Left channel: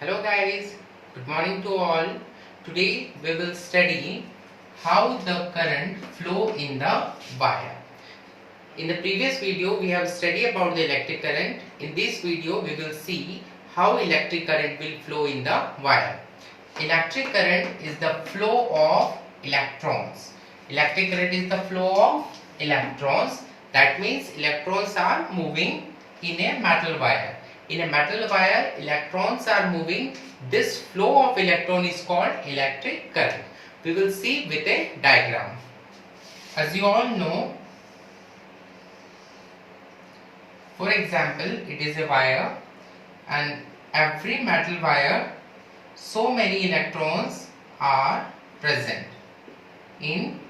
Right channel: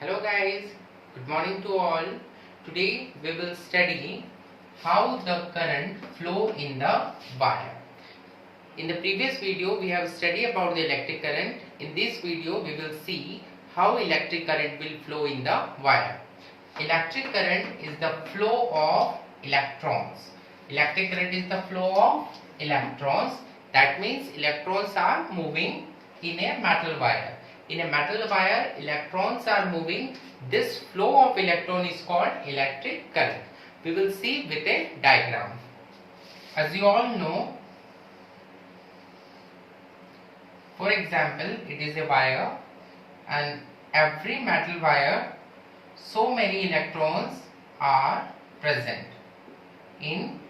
Hello guys, good morning to all. Today we will study how the current flow in the wire. In the previous video we have studied about the electric current. In this video we will see how electric current will flow in the wire. Electric current is the flow of electrons. Electric current is the flow of electrons. That means electrons are moving in a metal wire. In a metal wire, electrons are moving. This flow of electron is called electric current. We will see with a diagram. As you all know, for example, it is a wire, and every metal wire, so many electrons are present in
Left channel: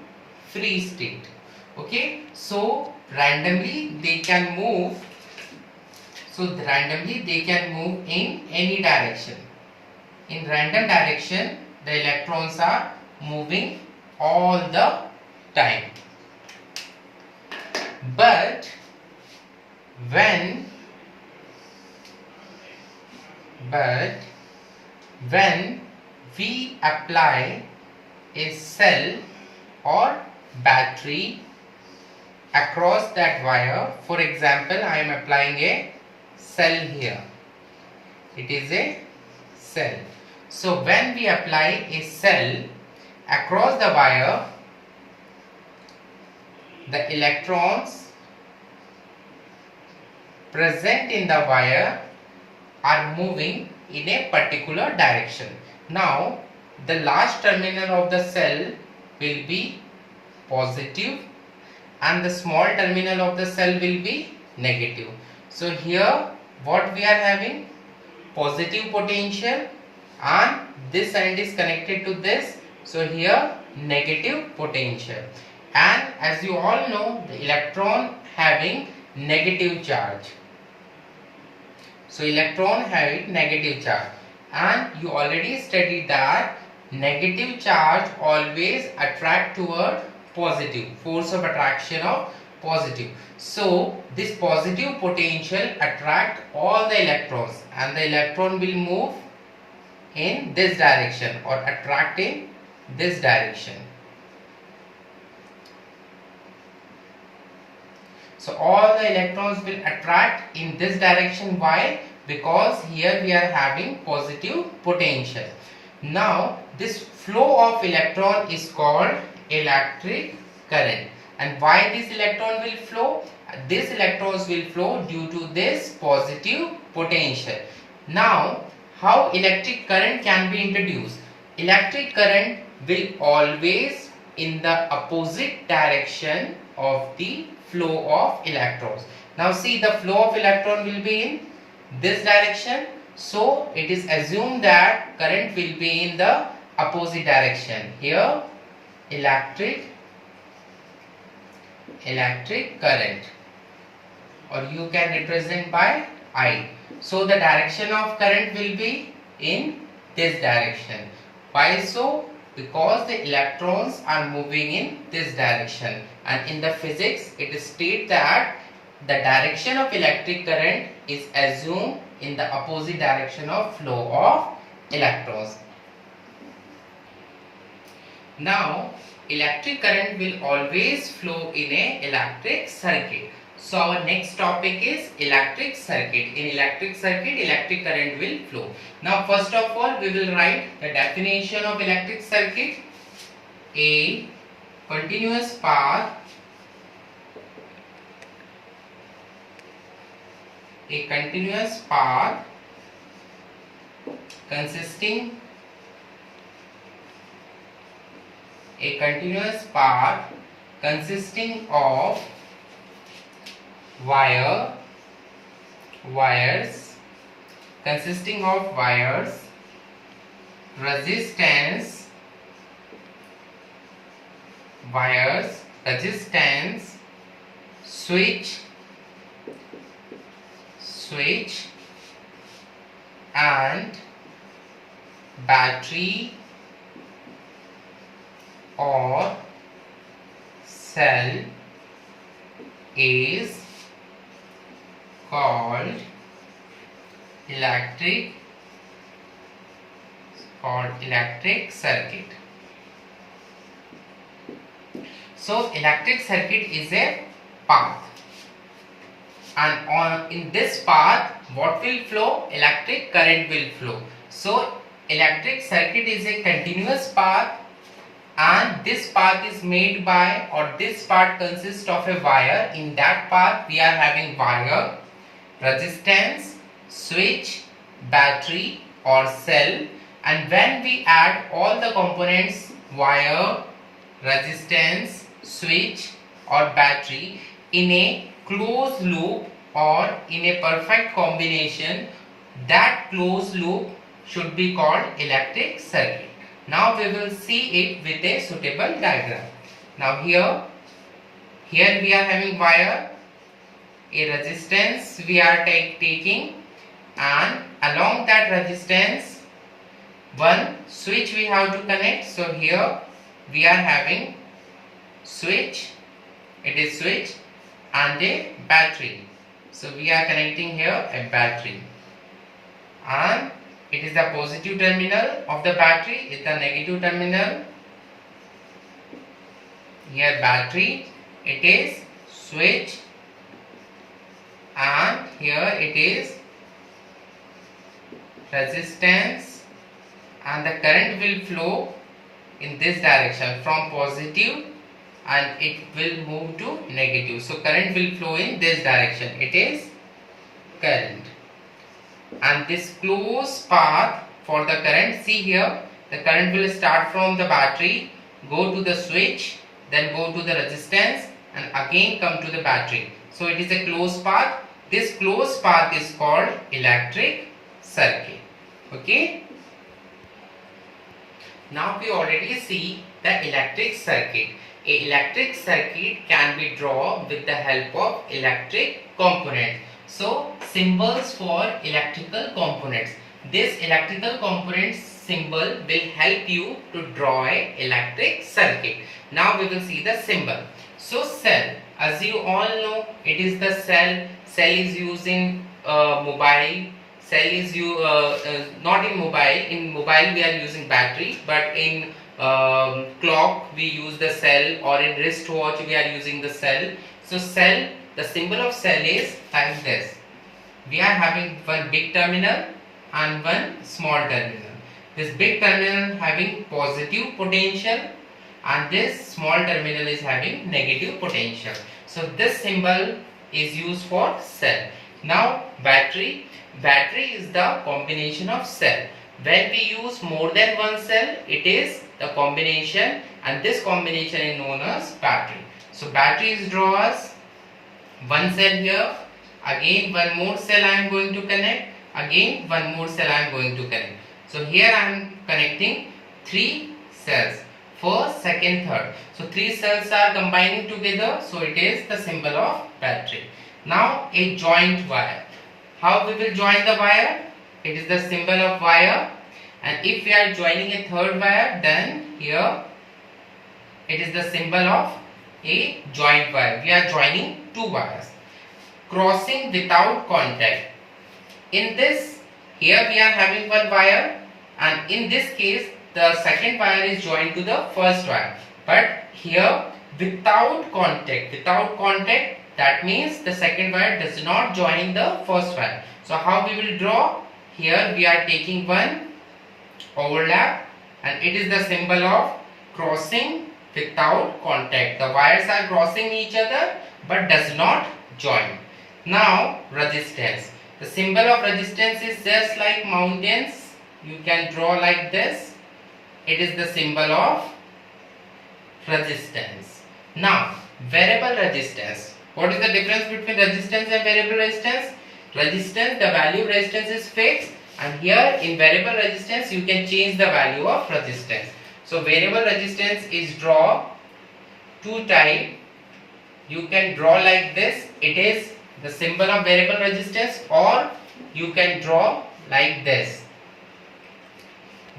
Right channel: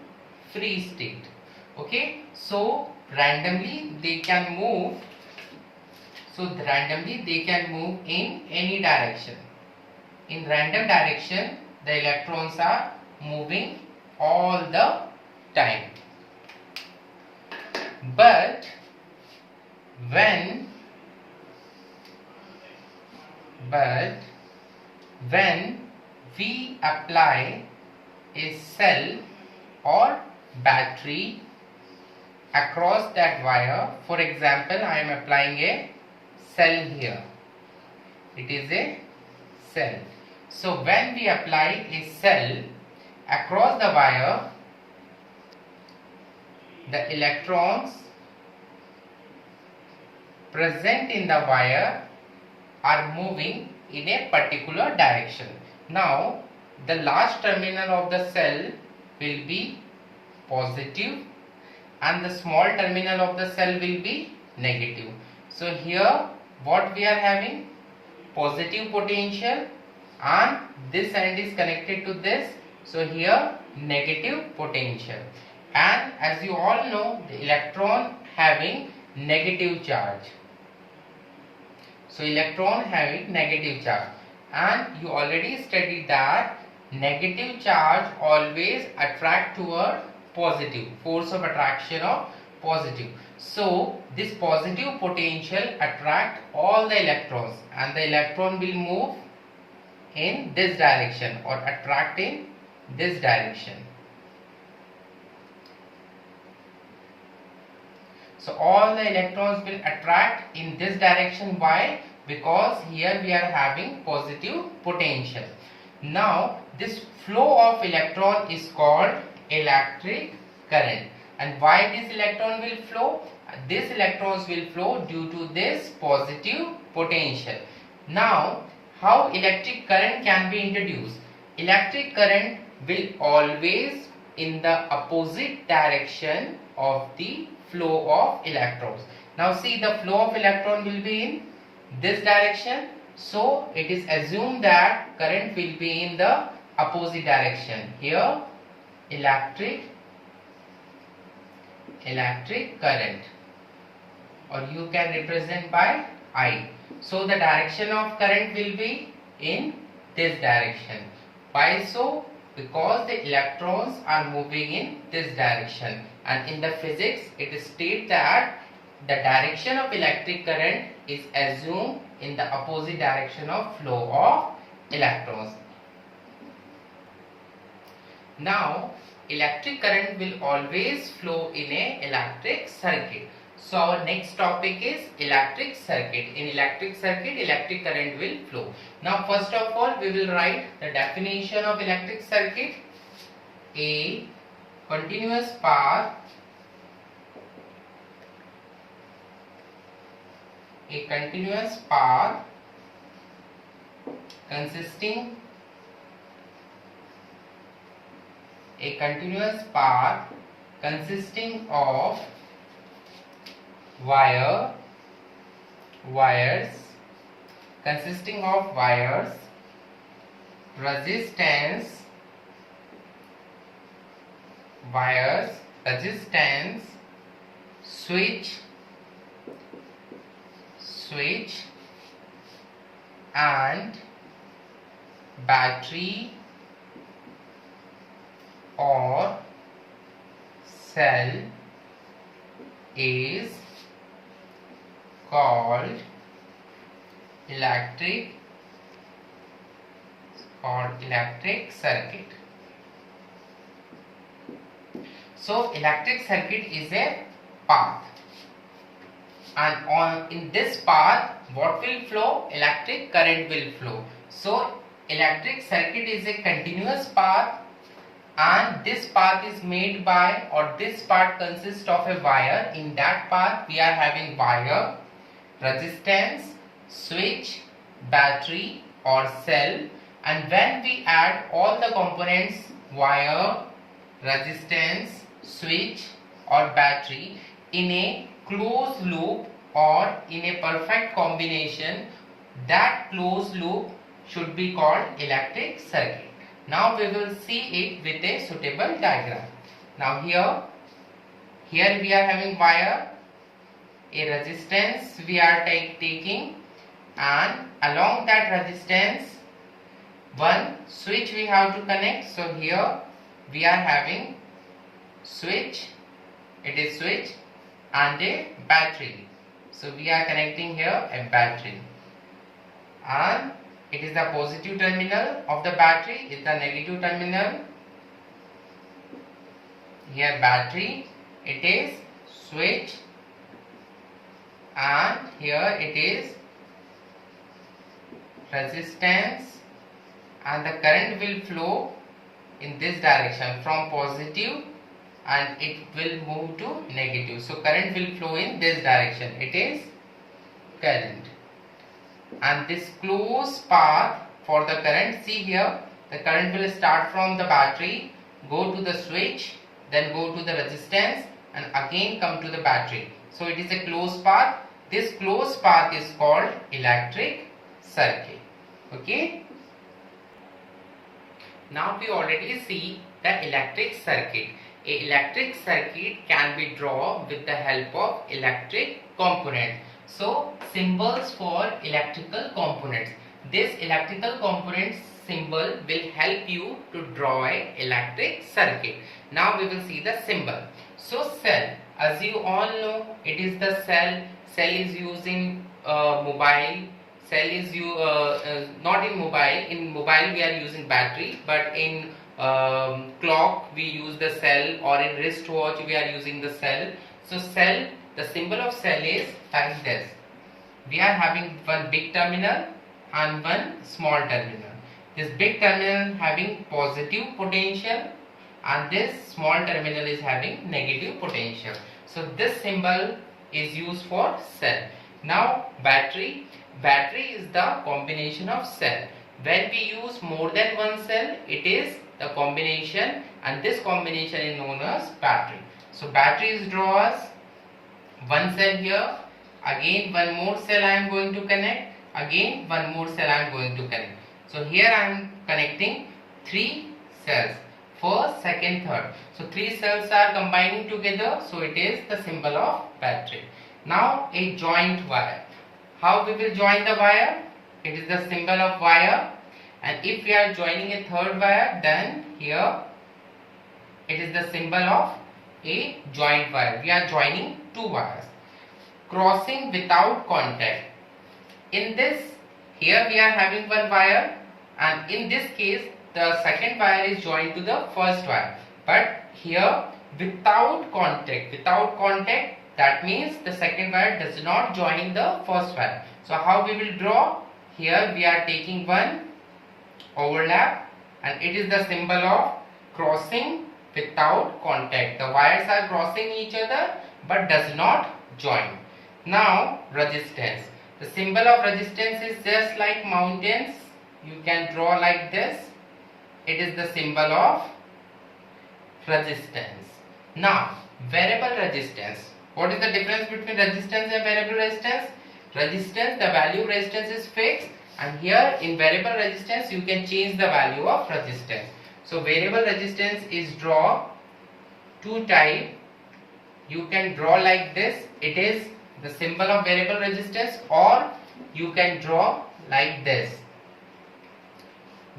free state. Okay, so randomly they can move. Randomly they can move in any direction. In random direction, the electrons are moving all the time. But when we apply a cell or battery across that wire, for example, I am applying a cell here. It is a cell. So when we apply a cell across the wire, the electrons present in the wire are moving in a particular direction. Now the large terminal of the cell will be positive and the small terminal of the cell will be negative. So here what we are having, positive potential, and this end is connected to this, so here negative potential. And as you all know, the electron having negative charge. So electron having negative charge, and you already studied that negative charge always attract toward positive, force of attraction of positive. So this positive potential attract all the electrons, and the electron will move in this direction or attract in this direction. So all the electrons will attract in this direction. Why? Because here we are having positive potential. Now this flow of electron is called electric current. And why this electron will flow? These electrons will flow due to this positive potential. Now, how electric current can be introduced? Electric current will always in the opposite direction of the flow of electrons. Now see, the flow of electron will be in this direction. So it is assumed that current will be in the opposite direction. Here, electric current, or you can represent by I. So the direction of current will be in this direction. Why so? Because the electrons are moving in this direction, and in the physics it is stated that the direction of electric current is assumed in the opposite direction of flow of electrons. Now electric current will always flow in a electric circuit. So our next topic is electric circuit. In electric circuit, electric current will flow. Now first of all, we will write the definition of electric circuit. A continuous path consisting of wires, resistance, switch and battery or cell is called electric called electric circuit. So electric circuit is a path, and in this path what will flow? Electric current will flow. So electric circuit is a continuous path, and this path is made by, or this part consists of a wire. In that path we are having wire, resistance, switch, battery or cell, and when we add all the components, wire, resistance, switch or battery, in a closed loop or in a perfect combination, that closed loop should be called electric circuit. Now we will see it with a suitable diagram. Now here we are having wire, a resistance we are taking, and along that resistance one switch we have to connect. So here we are having switch, it is switch, and a battery. So we are connecting here a battery, and it is the positive terminal of the battery, is the negative terminal. Here battery, it is switch, and here it is resistance, and the current will flow in this direction from positive and it will move to negative. So current will flow in this direction, it is current. And this closed path for the current, see here, the current will start from the battery, go to the switch, then go to the resistance, and again come to the battery. So it is a closed path. This closed path is called electric circuit. Okay. Now we already see the electric circuit. A electric circuit can be drawn with the help of electric component. So symbols for electrical components. This electrical component symbol will help you to draw a electric circuit. Now we will see the symbol. So cell, as you all know, it is the cell. Cell is used in mobile. Cell is not in mobile. In mobile we are using battery, but in clock we use the cell, or in wristwatch we are using the cell. So cell, the symbol of cell is like this. We are having one big terminal and one small terminal. This big terminal having positive potential and this small terminal is having negative potential. So this symbol is used for cell. Now battery. Battery is the combination of cell. When we use more than one cell, it is the combination, and this combination is known as battery. So battery is drawn as one cell here, again one more cell I am going to connect, again one more cell I am going to connect. So here I am connecting three cells, first, second, third. So three cells are combining together, so it is the symbol of battery. Now a joint wire. How we will join the wire? It is the symbol of wire, and if we are joining a third wire, then here it is the symbol of a joint wire. We are joining two wires. Crossing without contact. In this, here we are having one wire, and in this case the second wire is joined to the first wire, but here without contact, that means the second wire does not join the first wire. So how we will draw? Here we are taking one overlap, and it is the symbol of crossing without contact. The wires are crossing each other but does not join. Now resistance. The symbol of resistance is just like mountains. You can draw like this. It is the symbol of resistance. Now variable resistance. What is the difference between resistance and variable resistance? Resistance, the value of resistance is fixed, and here in variable resistance you can change the value of resistance. So variable resistance is draw two type. You can draw like this. It is the symbol of variable resistance, or you can draw like this.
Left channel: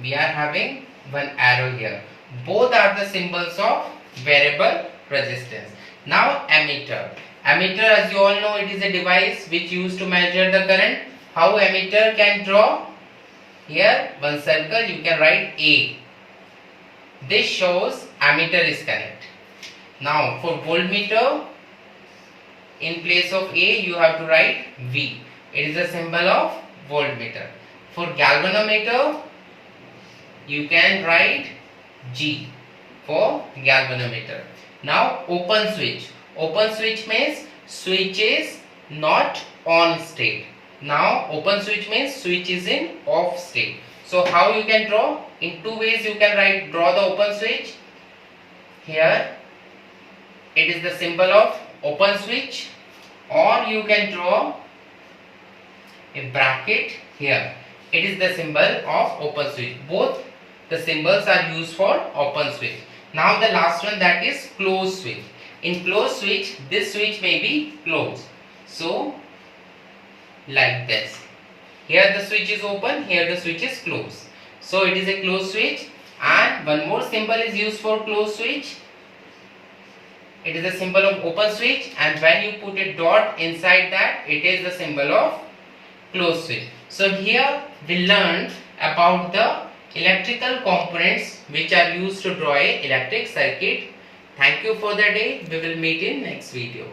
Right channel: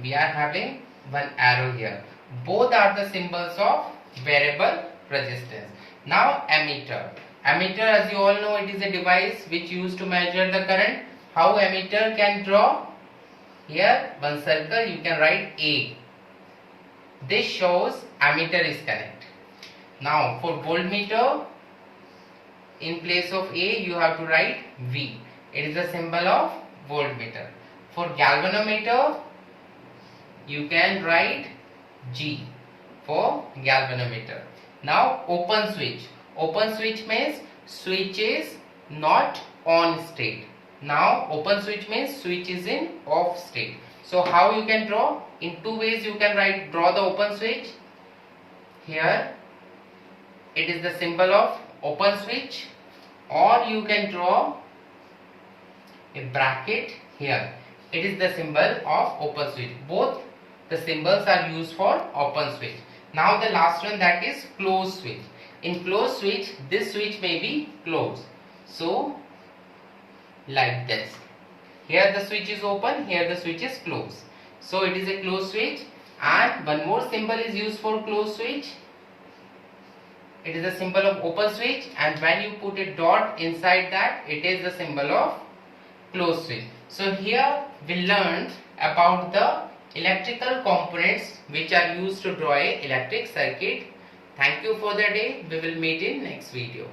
We are having one arrow here. Both are the symbols of variable resistance. Now ammeter. Ammeter, as you all know, it is a device which used to measure the current. How ammeter can draw? Here one circle, you can write A. This shows ammeter is connected. Now for voltmeter, in place of A you have to write V. It is a symbol of voltmeter. For galvanometer, you can write G for galvanometer. Now open switch. Open switch means switch is not on state. Now open switch means switch is in off state. So how you can draw? In two ways you can draw the open switch. Here it is the symbol of open switch, or you can draw a bracket here. It is the symbol of open switch. Both the symbols are used for open switch. Now the last one, that is closed switch. In closed switch, this switch may be closed. So like this. Here the switch is open, here the switch is closed. So it is a closed switch. And one more symbol is used for closed switch. It is a symbol of open switch, and when you put a dot inside that, it is the symbol of closed switch. So here we learned about the electrical components which are used to draw a electric circuit. Thank you for the day. We will meet in next video.